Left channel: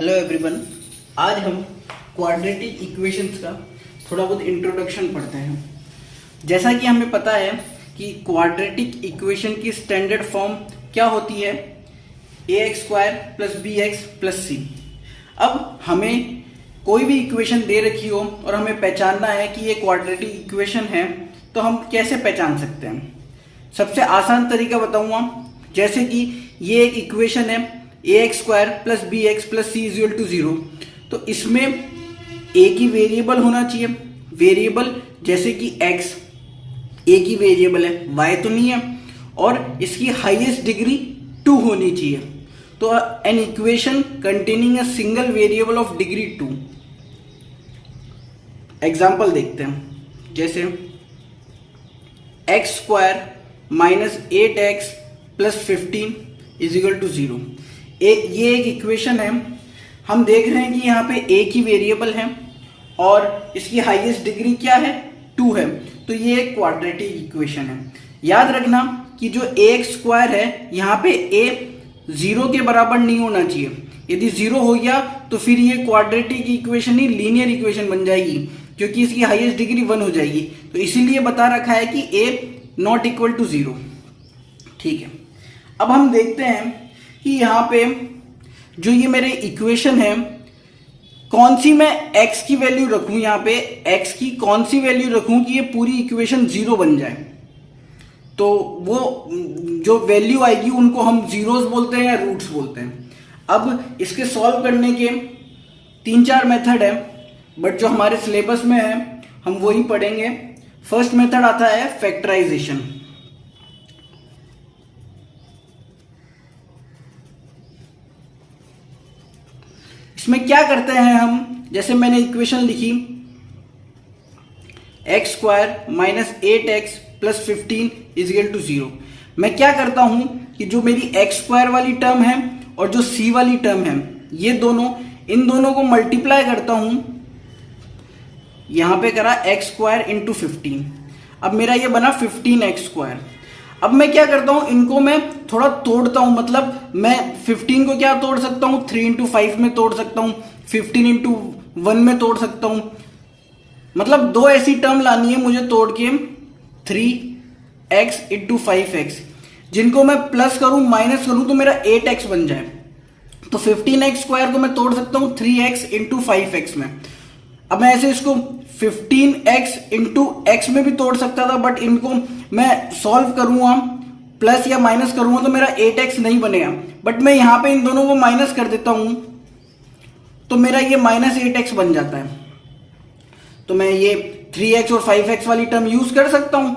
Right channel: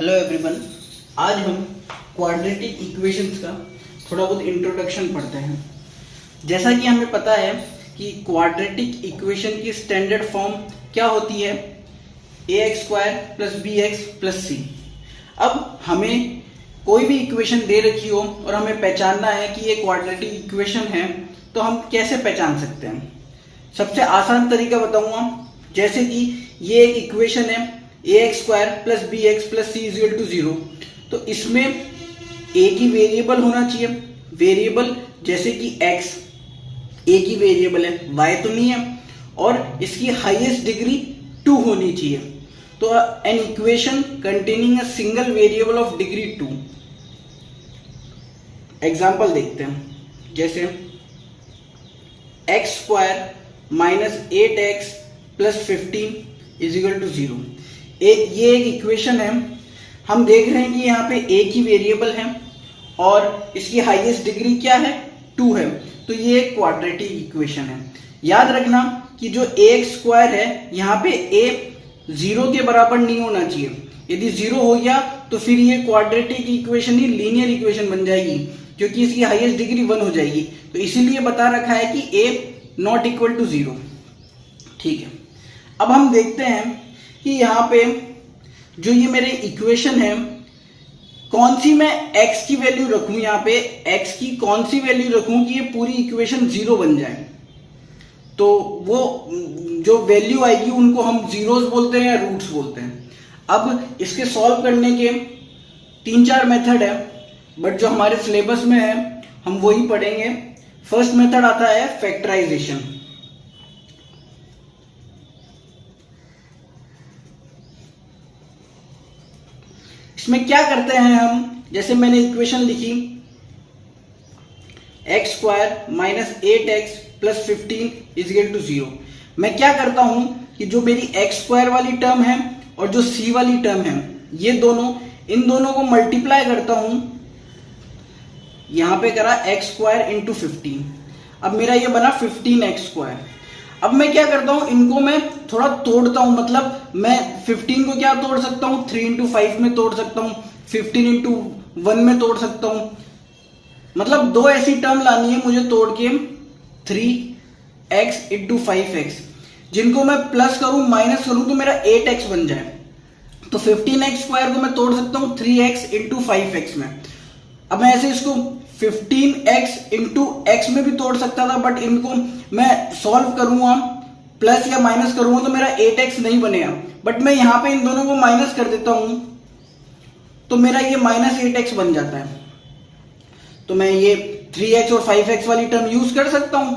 Hello everyone. आज हम quadratic equations का थोड़ा बहुत इंट्रोडक्शन पढ़ते हैं। जैसा कि हमें पता है कि क्वाड्रेटिक इक्वेशन की स्टैंडर्ड फॉर्म क्या होती है, ax square plus bx plus c। अब हमें कोई भी इक्वेशन दे रखी हो और हमें पहचानना है कि ये क्वाड्रेटिक इक्वेशन है, तो हम कैसे पहचान सकते हैं? सबसे आसान तरीका बताऊंगा। जैसे कि ये एक इक्वेशन है ax square plus bx plus c equal to 0, तो इसमें एक ही वेरिएबल होना चाहिए। वेरिएबल जैसे कि x एक ही वेरिएबल है, y तो नहीं है, और इसकी हाईएस्ट डिग्री 2 होनी चाहिए। तो an equation containing a single variable of degree 2। Example देखते हैं। जैसे x square minus 8x plus 15 is equal to 0। ये एक इक्वेशन है। हम देख रहे हैं कि यहाँ पे एक ही वेरिएबल है और इसकी हाईएस्ट डिग्री क्या है, 2 है। तो ये एक क्वाड्रेटिक इक्वेशन है। याद रखना कि जो ax स्क्वायर है, यहाँ पे a 0 के बराबर नहीं होना चाहिए। यदि 0 हो गया तो फिर ये क्वाड्रेटिक इक्वेशन ही लीनियर इक्वेशन बन जाएगी, क्योंकि इसकी हाईएस्ट डिग्री 1 हो जाएगी। तो इसीलिए बता रखा है कि a नॉट इक्वल टू 0। ठीक है, अब हम देखते हैं कि यहाँ पे जो ये मेरे इक्वेशन है, कौन सी मैं x की वैल्यू रखूं। यहाँ पे x की कौन सी वैल्यू रखूं कि ये पूरी इक्वेशन 0 बन जाए। तो वो जो वैल्यू आएगी उनको हम जीरोस बोलते हैं या रूट्स बोलते हैं। अब इसके सॉल्व करने के 3-4 मेथड है, बट जो हमारे सिलेबस में है हम वही पढ़ेंगे। फर्स्ट मेथड आता है फैक्टराइजेशन। इसमें क्या करते हैं हम, जैसे मैंने इक्वेशन लिखी x square minus 8x plus 15 is equal to 0। मैं क्या करता हूं कि जो मेरी x स्क्वायर वाली टर्म है और जो c वाली टर्म है, ये दोनों, इन दोनों को मल्टीप्लाई करता हूं। यहां पे करा x स्क्वायर इंटू 15। अब मेरा ये बना 15x स्क्वायर। अब मैं क्या करता हूं, इनको मैं थोड़ा तोड़ता हूं। मतलब मैं 15 को क्या तोड़ सकता हूं, 3 इंटू 5 में तोड़ सकता हूं, 15 इंटू 1 में तोड़ सकता हूं। मतलब दो ऐसी टर्म लानी है मुझे तोड़ के, 3x इंटू 5x, जिनको मैं प्लस करूं माइनस करूं तो मेरा 8x बन जाए। तो 15x स्क्वायर को मैं तोड़ सकता हूं 3x इंटू 5x में। अब मैं ऐसे इसको 15x इंटू x में भी तोड़ सकता था, बट इनको मैं सॉल्व करूंगा, प्लस या माइनस करूंगा तो मेरा 8x नहीं बनेगा। बट मैं यहां पे इन दोनों को माइनस कर देता हूं तो मेरा ये माइनस 8x बन जाता है। तो मैं ये 3x और 5x वाली टर्म यूज कर सकता हूं।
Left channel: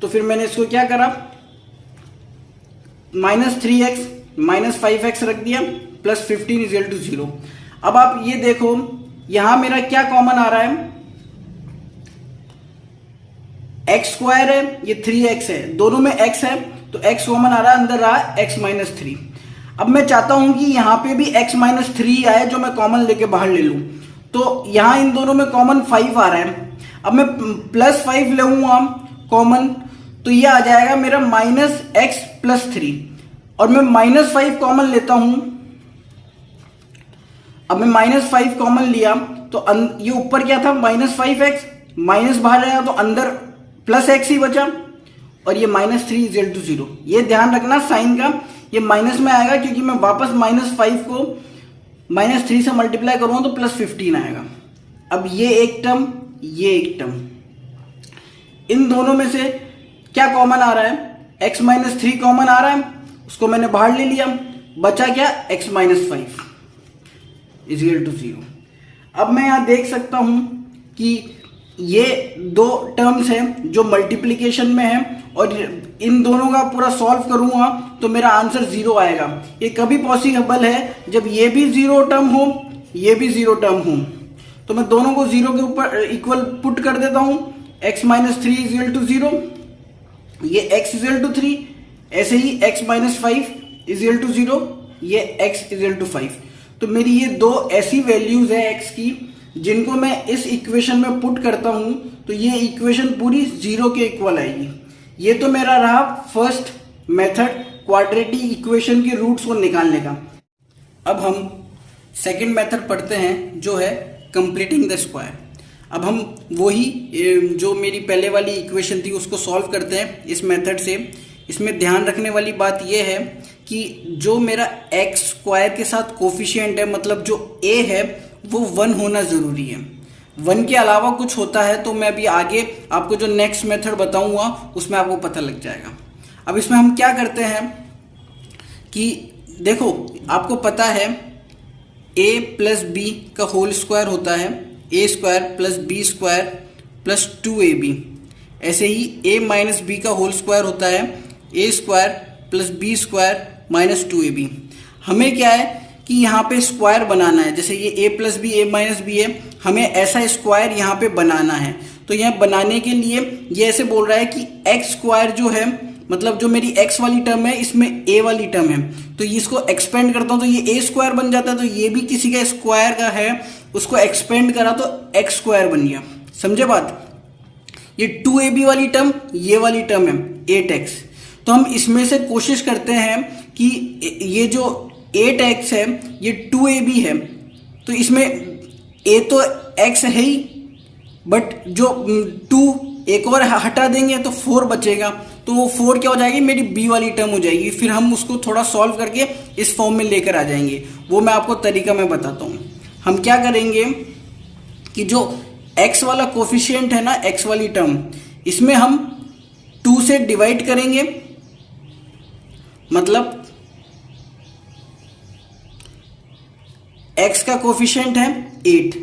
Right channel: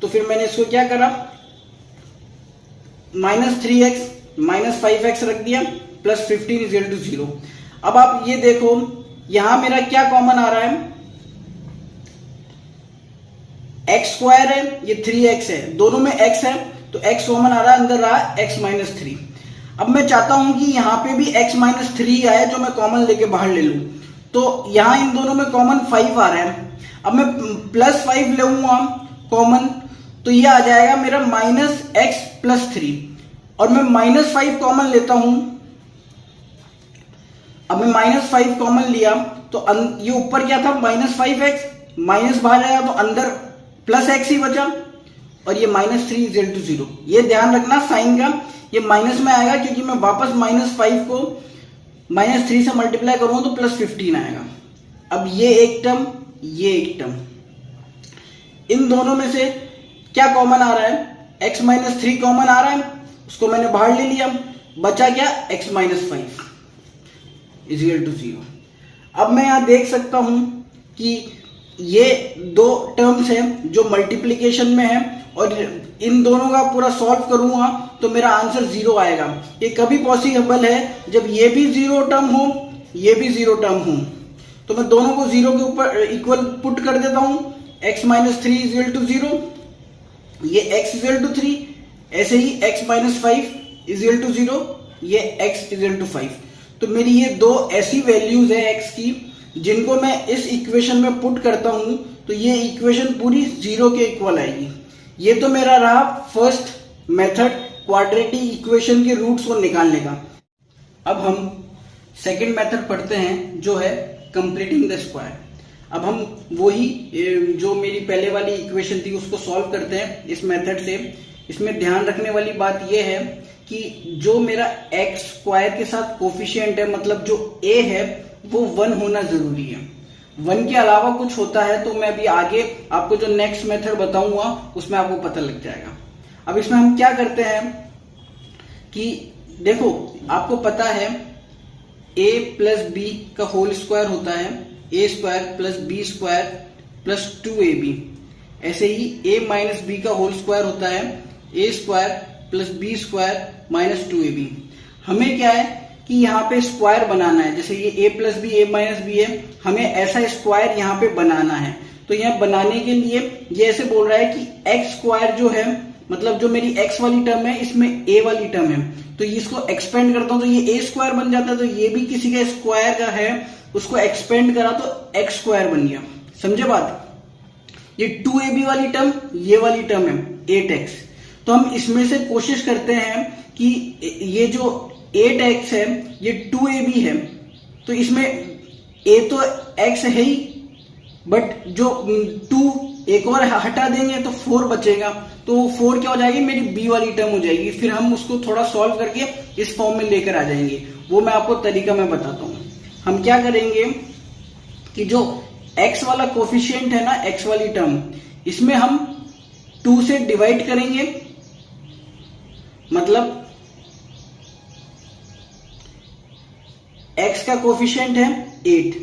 तो फिर मैंने इसको क्या करा, माइनस 3x माइनस 5x रख दिया, प्लस 15 इज इक्वल टू 0। अब आप ये देखो, यहां मेरा क्या कॉमन आ रहा है, x स्क्वायर है, ये 3x है, दोनों में x है, तो x कॉमन आ रहा है, अंदर रहा x माइनस 3। अब मैं चाहता हूं कि यहां पे भी x माइनस 3 आए, जो मैं कॉमन लेके बाहर ले लूं। तो यहां इन दोनों में कॉमन 5 आ रहा है। अब मैं प्लस 5 लूंगा कॉमन, तो ये आ जाएगा मेरा माइनस x प्लस 3। और मैं माइनस 5 कॉमन लेता हूं। अब मैं माइनस 5 कॉमन लिया तो ये ऊपर क्या था, माइनस 5x, माइनस बाहर आया तो अंदर प्लस x ही बचा, और ये माइनस 3 इज इक्वल टू 0। ये ध्यान रखना साइन का, ये माइनस में आएगा क्योंकि मैं वापस माइनस 5 को माइनस 3 से मल्टीप्लाई करूंगा तो प्लस 15 आएगा। अब ये एक टर्म, ये एक टर्म, इन दोनों में से क्या कॉमन आ रहा है, x माइनस 3 कॉमन आ रहा है, उसको मैंने बाहर ले लिया, बचा क्या, x minus 5 is equal to 0। अब मैं यहां देख सकता हूं कि ये दो टर्म्स हैं जो मल्टीप्लिकेशन में है, और इन दोनों का पूरा सॉल्व करूंगा तो मेरा आंसर 0 आएगा। ये कभी पॉसिबल है जब ये भी 0 टर्म हो, ये भी 0 टर्म हो। तो मैं दोनों को 0 के ऊपर इक्वल पुट कर देता हूं, x minus 3 is equal to 0, ये x इज इक्वल टू 3, ऐसे ही x minus 5 is equal to 0, ये x इज इक्वल टू 5। तो मेरी ये दो ऐसी वैल्यूज है x की, जिनको मैं इस इक्वेशन में पुट करता हूं तो ये इक्वेशन पूरी 0 के इक्वल आएगी। ये तो मेरा रहा फर्स्ट मेथड क्वाड्रेटिक इक्वेशन के रूट्स को निकालने का। अब हम सेकंड मेथड पढ़ते हैं जो है कंप्लीटिंग द स्क्वायर। अब हम वही जो मेरी पहले वाली इक्वेशन थी उसको सॉल्व करते हैं इस मेथड से। इसमें ध्यान रखने वाली बात यह है कि जो मेरा एक्स स्क्वायर के साथ कोफिशिएंट है, मतलब जो ए है, वो 1 होना जरूरी है। 1 के अलावा कुछ होता है तो मैं अभी आगे आपको जो नेक्स्ट मेथड बताऊंगा उसमें आपको पता लग जाएगा। अब इसमें हम क्या करते हैं कि देखो, आपको पता है a प्लस बी का होल स्क्वायर होता है a square plus b square plus 2ab। ऐसे ही a माइनस बी का होल स्क्वायर होता है a square plus b square minus 2ab। हमें क्या है कि यहाँ पे स्क्वायर बनाना है, जैसे ये a plus b a minus b है, हमें ऐसा स्क्वायर यहाँ पे बनाना है। तो यहाँ बनाने के लिए ये ऐसे बोल रहा है कि एक्स स्क्वायर जो है, मतलब जो मेरी x वाली टर्म है इसमें a वाली टर्म है, तो इसको एक्सपेंड करता हूं तो ये a स्क्वायर बन जाता है। तो ये भी किसी का स्क्वायर का है, उसको एक्सपेंड करा तो x स्क्वायर बन गया। समझे बात? ये 2ab वाली टर्म ये वाली टर्म है 8x। तो हम इसमें से कोशिश करते हैं कि ये जो 8x है ये 2ab है, तो इसमें a तो x है ही, बट जो 2 एक और हटा देंगे तो 4 बचेगा, तो 4 क्या हो जाएगी, मेरी b वाली टर्म हो जाएगी। फिर हम उसको थोड़ा सॉल्व करके इस फॉर्म में लेकर आ जाएंगे, वो मैं आपको तरीका मैं बताता हूं। हम क्या करेंगे कि जो x वाला कोफिशिएंट है ना, x वाली टर्म, इसमें हम 2 से डिवाइड करेंगे, मतलब x का कोफिशिएंट है 8,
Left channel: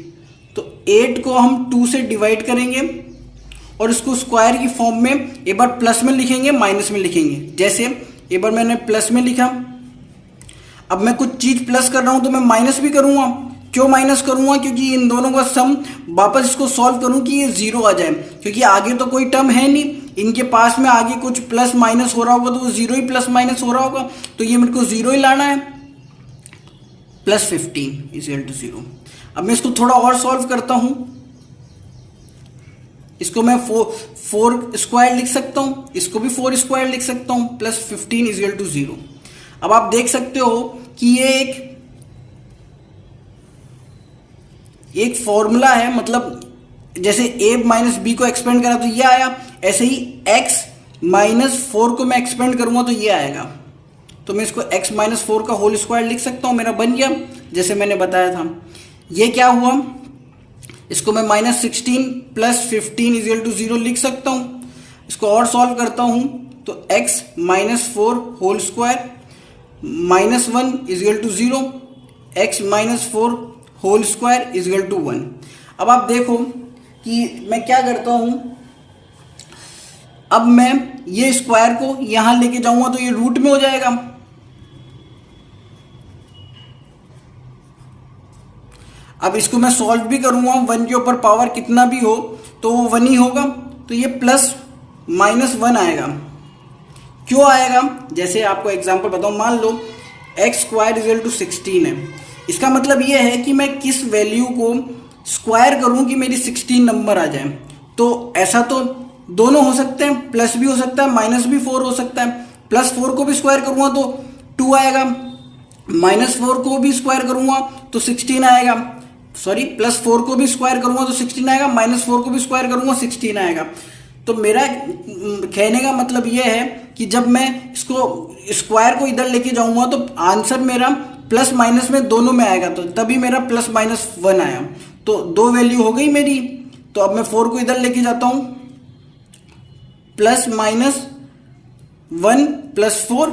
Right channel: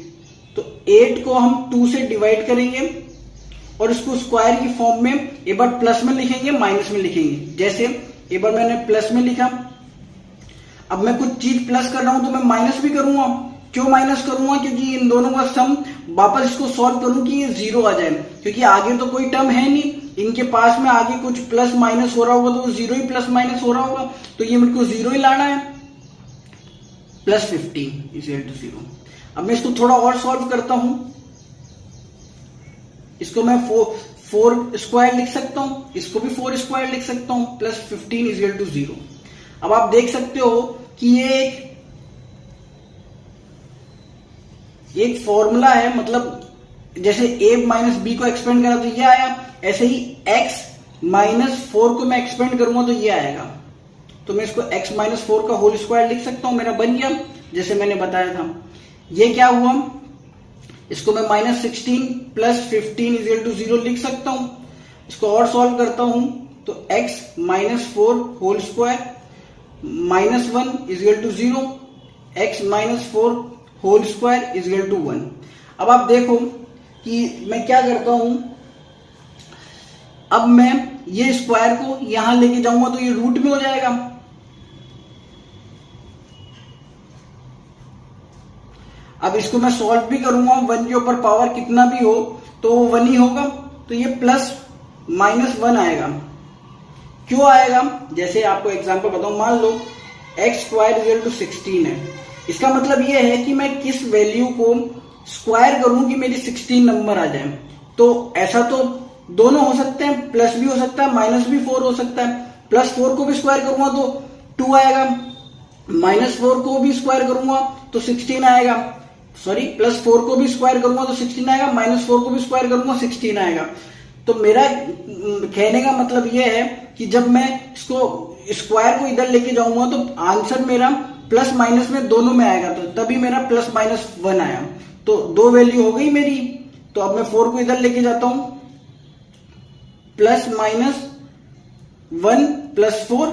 तो 8 को हम 2 से डिवाइड करेंगे और इसको स्क्वायर की फॉर्म में एक बार प्लस में लिखेंगे, माइनस में लिखेंगे। जैसे एक बार मैंने प्लस में लिखा, अब मैं कुछ चीज प्लस कर रहा हूं तो मैं माइनस भी करूंगा। क्यों माइनस करूंगा? क्योंकि इन दोनों का सम वापस इसको सॉल्व करूं कि ये 0 आ जाए, क्योंकि आगे तो कोई टर्म है नहीं, इनके पास में आगे कुछ प्लस माइनस हो रहा होगा तो वो 0 ही प्लस माइनस हो रहा होगा, तो ये मेरे को 0 ही लाना है। Plus 15 is equal to 0। अब मैं इसको थोड़ा और सॉल्व करता हूं, इसको मैं 4 स्क्वायर लिख सकता हूं, इसको भी 4 स्क्वायर लिख सकता हूं, प्लस 15 इज इक्वल टू 0। अब आप देख सकते हो कि ये एक फॉर्मूला है, मतलब जैसे a माइनस बी को एक्सपेंड करा तो ये आया, ऐसे ही x माइनस 4 को मैं एक्सपेंड करूंगा तो ये आएगा। तो मैं इसको x माइनस 4 का होल स्क्वायर लिख सकता हूं, मेरा बन गया जैसे मैंने बताया था। ये क्या हुआ, इसको मैं minus 16 plus 15 is equal to 0 लिख सकता हूं। इसको और सॉल्व करता हूं तो x minus 4 whole square minus 1 is equal to 0, x minus 4 whole square is equal to 1। अब आप देखो कि मैं क्या करता हूं, अब मैं ये स्क्वायर को यहां लेके जाऊंगा तो ये रूट में हो जाएगा। अब इसको मैं सॉल्व भी करूंगा, 1 के ऊपर पावर कितना भी हो तो वो 1 ही होगा, तो ये प्लस माइनस 1 आएगा। क्यों आएगा? जैसे आपको एग्जांपल बताऊं, मान लो x square is equal to 16 है, इसका मतलब ये है कि मैं किस वैल्यू को स्क्वायर करूं कि मेरी 16 नंबर आ जाए। तो ऐसा तो दोनों हो सकते हैं, प्लस भी हो सकता है, माइनस भी 4 हो सकता है। प्लस 4 को भी स्क्वायर करूंगा तो 2 आएगा, माइनस 4 को भी स्क्वायर करूंगा तो 16 आएगा, सॉरी प्लस 4 को भी स्क्वायर करूंगा तो 16 आएगा, माइनस 4 को भी स्क्वायर करूंगा 16 आएगा। तो मेरा कहने का मतलब यह है कि जब मैं इसको स्क्वायर को इधर लेके जाऊंगा तो आंसर मेरा प्लस माइनस में दोनों में आएगा, तो तभी मेरा प्लस माइनस 1 आया। तो 2 वैल्यू हो गई मेरी। तो अब मैं 4 को इधर लेके जाता हूं, प्लस माइनस 1 प्लस 4,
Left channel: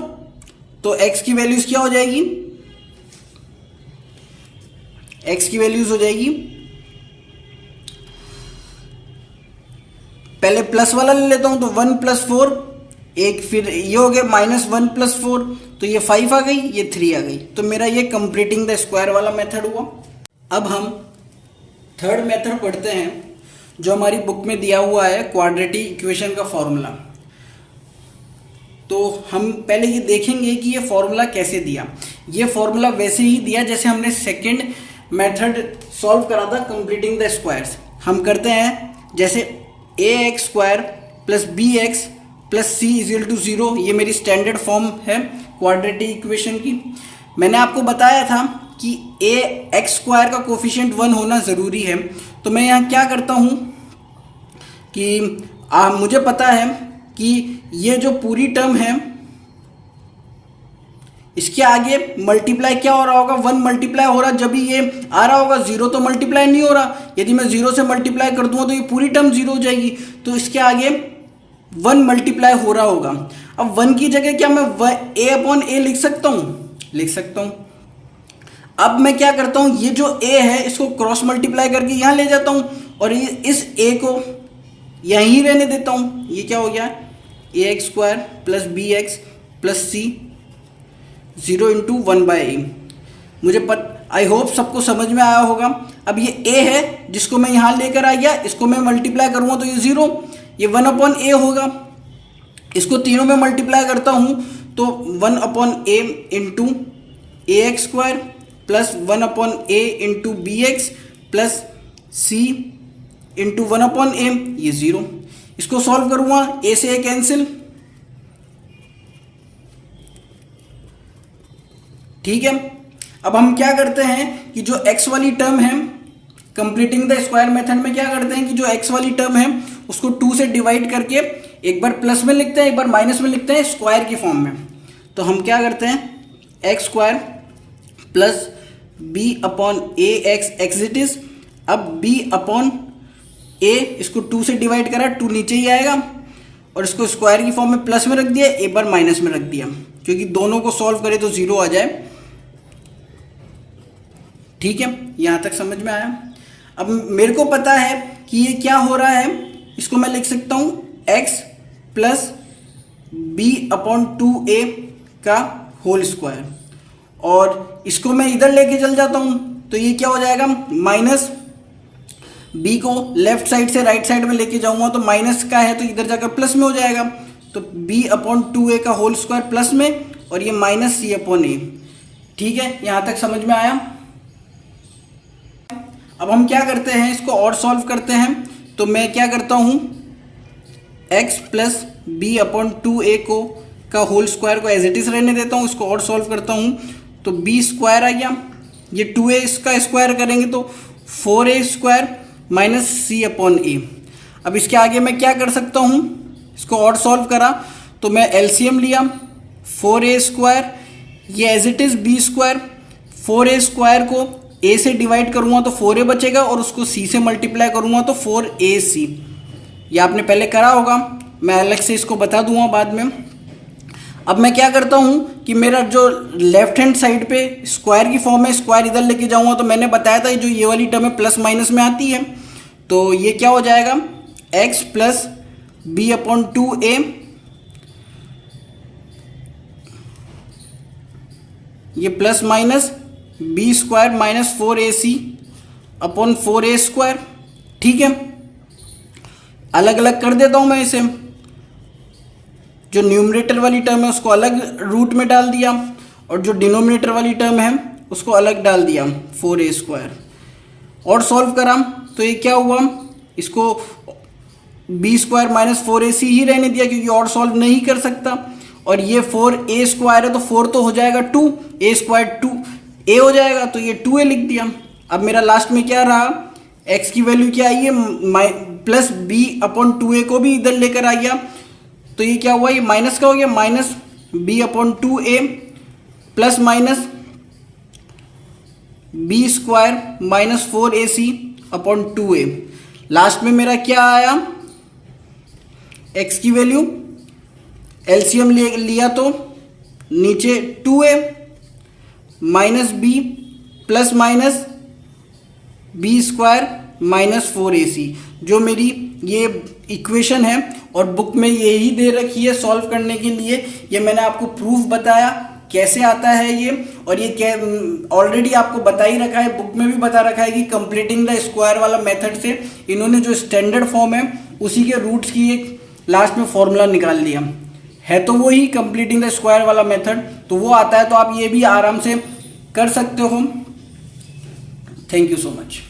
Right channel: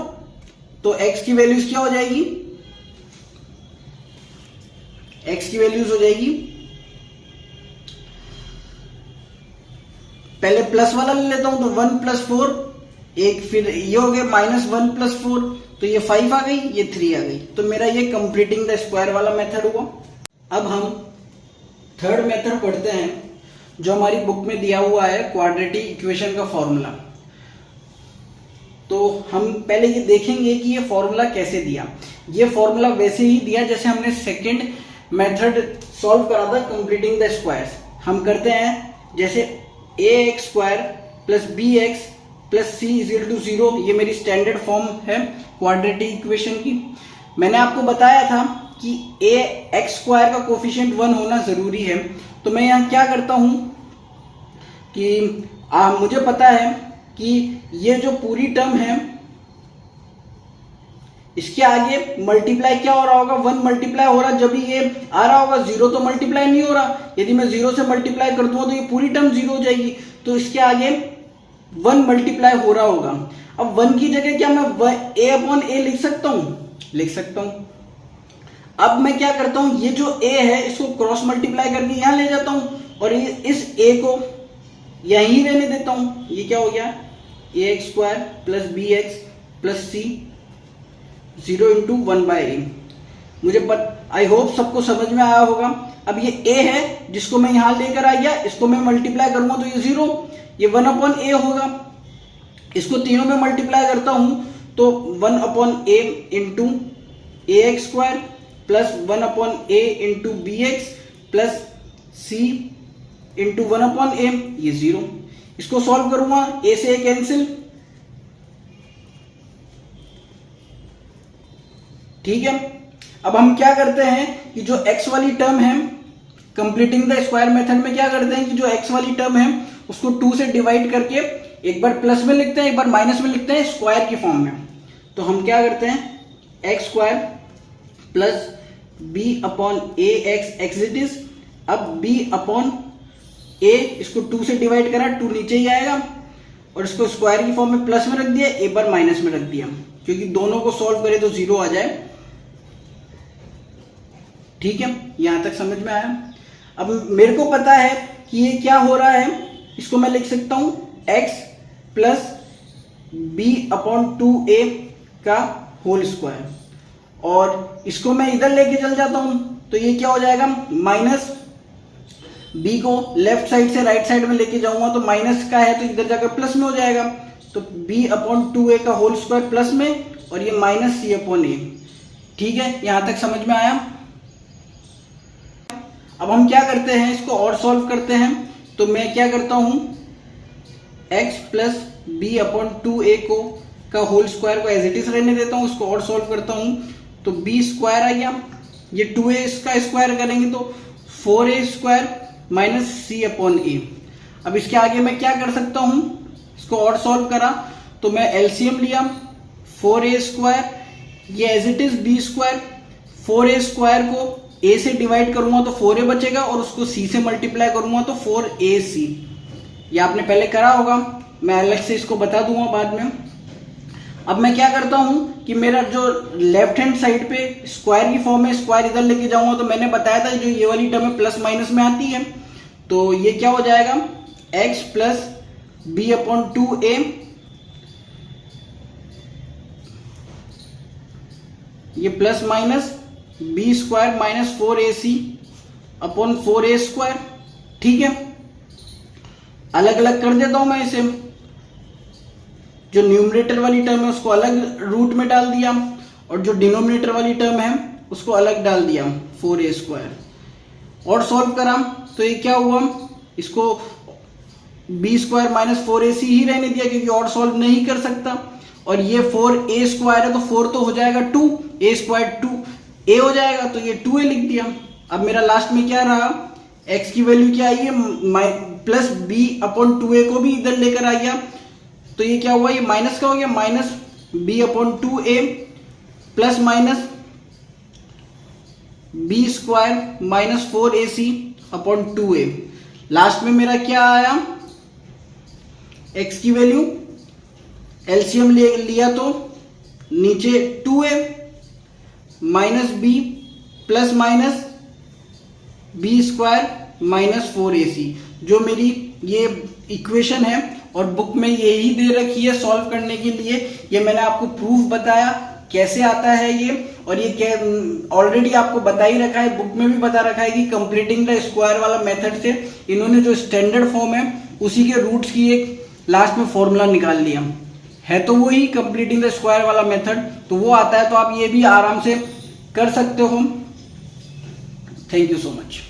तो x की वैल्यूज क्या हो जाएगी, x की वैल्यूज हो जाएगी, पहले प्लस वाला ले लेता हूं तो 1 प्लस 4 एक, फिर ये हो गया माइनस 1 प्लस 4, तो ये 5 आ गई, ये 3 आ गई। तो मेरा ये कंप्लीटिंग द स्क्वायर वाला मेथड हुआ। अब हम थर्ड मेथड पढ़ते हैं जो हमारी बुक में दिया हुआ है, क्वाड्रेटिक इक्वेशन का फॉर्मूला। तो हम पहले ये देखेंगे कि ये फॉर्मूला कैसे दिया। ये फॉर्मूला वैसे ही दिया जैसे हमने सेकंड मेथड सॉल्व करा था, कंप्लीटिंग द स्क्वायर्स। हम करते हैं जैसे ax square plus bx plus c is equal to 0, ये मेरी स्टैंडर्ड फॉर्म है क्वाड्रेटिक इक्वेशन की। मैंने आपको बताया था कि ए एक्स स्क्वायर का कोफिशिएंट 1 होना ज़रूरी है। तो मैं यहाँ क्या करता हूँ कि मुझे पता है कि ये जो पूरी टर्म है इसके आगे मल्टीप्लाई क्या हो रहा होगा, 1 मल्टीप्लाई हो रहा, जब ये आ रहा होगा 0 तो मल्टीप्लाई नहीं हो रहा। यदि मैं 0 से मल्टीप्लाई कर दूंगा तो ये पूरी टर्म 0 हो जाएगी, तो इसके आगे 1 मल्टीप्लाई हो रहा होगा। अब 1 की जगह क्या मैं a अपॉन a लिख सकता हूँ, लिख सकता हूँ। अब मैं क्या करता हूँ, ये जो a है इसको क्रॉस मल्टीप्लाई करके यहाँ ले जाता हूँ और इस a को यहीं रहने देता हूँ। ये क्या हो गया, ax square plus bx plus c 0 into 1/a। मुझे आई होप सबको समझ में आया होगा। अब ये a है जिसको मैं यहाँ लेकर आ गया, इसको मैं मल्टीप्लाई करूँगा तो ये 0, ये 1 अपॉन a होगा। इसको तीनों में मल्टीप्लाई करता हूँ तो 1 upon a into ax square plus 1 upon a into bx plus c into 1 upon a, ये 0। इसको सॉल्व करूँगा, a से a कैंसिल, ठीक है। अब हम क्या करते हैं कि जो x वाली टर्म है, कंप्लीटिंग द स्क्वायर मेथड में क्या करते हैं कि जो x वाली टर्म है उसको 2 से डिवाइड करके एक बार प्लस में लिखते हैं, एक बार माइनस में लिखते हैं स्क्वायर की फॉर्म में। तो हम क्या करते हैं, x square plus b upon a x x it is. अब b अपॉन a, इसको 2 से डिवाइड करा, 2 नीचे ही आएगा और इसको स्क्वायर की फॉर्म में प्लस में रख दिया, एक बार माइनस में रख दिया, क्योंकि दोनों को सॉल्व करें तो 0 आ जाए। ठीक है, यहां तक समझ में आया। अब मेरे को पता है कि ये क्या हो रहा है, इसको मैं लिख सकता हूं x plus b upon 2a का होल स्क्वायर, और इसको मैं इधर लेके चल जाता हूं तो ये क्या हो जाएगा, माइनस b को लेफ्ट साइड से राइट साइड में लेके जाऊंगा तो माइनस का है तो इधर जाकर प्लस में हो जाएगा। तो b अपॉन 2a का होल स्क्वायर प्लस में, और ये माइनस c अपॉन a। ठीक है, यहां तक समझ में आया। अब हम क्या करते हैं, इसको और सॉल्व करते हैं। तो मैं क्या करता हूं, x plus b upon 2a को का होल स्क्वायर को एज इट इज रहने देता हूं, इसको और सॉल्व करता हूं तो b स्क्वायर आ गया, ये 2a इसका स्क्वायर करेंगे तो 4a square minus c upon a। अब इसके आगे मैं क्या कर सकता हूं, इसको और सॉल्व करा तो मैं एलसीएम लिया, 4a स्क्वायर, ये as it is b square, 4a square को a से डिवाइड करूंगा तो 4a बचेगा और उसको c से मल्टीप्लाई करूंगा तो 4ac। ये आपने पहले करा होगा, मैं अलग से इसको बता दूंगा बाद में। अब मैं क्या करता हूं कि मेरा जो लेफ्ट हैंड साइड पे स्क्वायर की फॉर्म है, स्क्वायर इधर लेके जाऊंगा तो मैंने बताया था जो ये वाली टर्म है प्लस माइनस में आती है, तो ये क्या हो जाएगा, x plus b upon 2a, ये plus minus b square minus 4ac upon 4a square. ठीक है, अलग अलग कर देता हूं मैं इसे, जो न्यूमरेटर वाली टर्म है उसको अलग रूट में डाल दिया और जो डिनोमिनेटर वाली टर्म है उसको अलग डाल दिया 4a स्क्वायर, और सॉल्व करा तो ये क्या हुआ, इसको b स्क्वायर माइनस 4ac ही रहने दिया क्योंकि और सॉल्व नहीं कर सकता, और ये 4a स्क्वायर है तो 4 तो हो जाएगा 2, a स्क्वायर 2a हो जाएगा तो ये 2a लिख दिया। अब मेरा लास्ट में क्या रहा, x की वैल्यू क्या आई है, प्लस b अपॉन 2a को भी इधर लेकर आ गया तो ये क्या हुआ, ये माइनस का हो गया, minus b upon 2a plus minus b square minus 4ac upon 2a। Last में मेरा क्या आया, x की वैल्यू एलसीएम लिया तो नीचे 2a minus b plus minus b square minus 4ac, जो मेरी ये इक्वेशन है और बुक में यही दे रखी है सॉल्व करने के लिए। ये मैंने आपको प्रूफ बताया कैसे आता है ये, और ये ऑलरेडी आपको बता ही रखा है, बुक में भी बता रखा है कि कंप्लीटिंग द स्क्वायर वाला मेथड से इन्होंने जो स्टैंडर्ड फॉर्म है उसी के रूट्स की एक लास्ट में फॉर्मूला निकाल लिया है, तो वही कंप्लीटिंग द स्क्वायर वाला मेथड तो वो आता है, तो आप ये भी आराम से कर सकते हो। Thank you so much.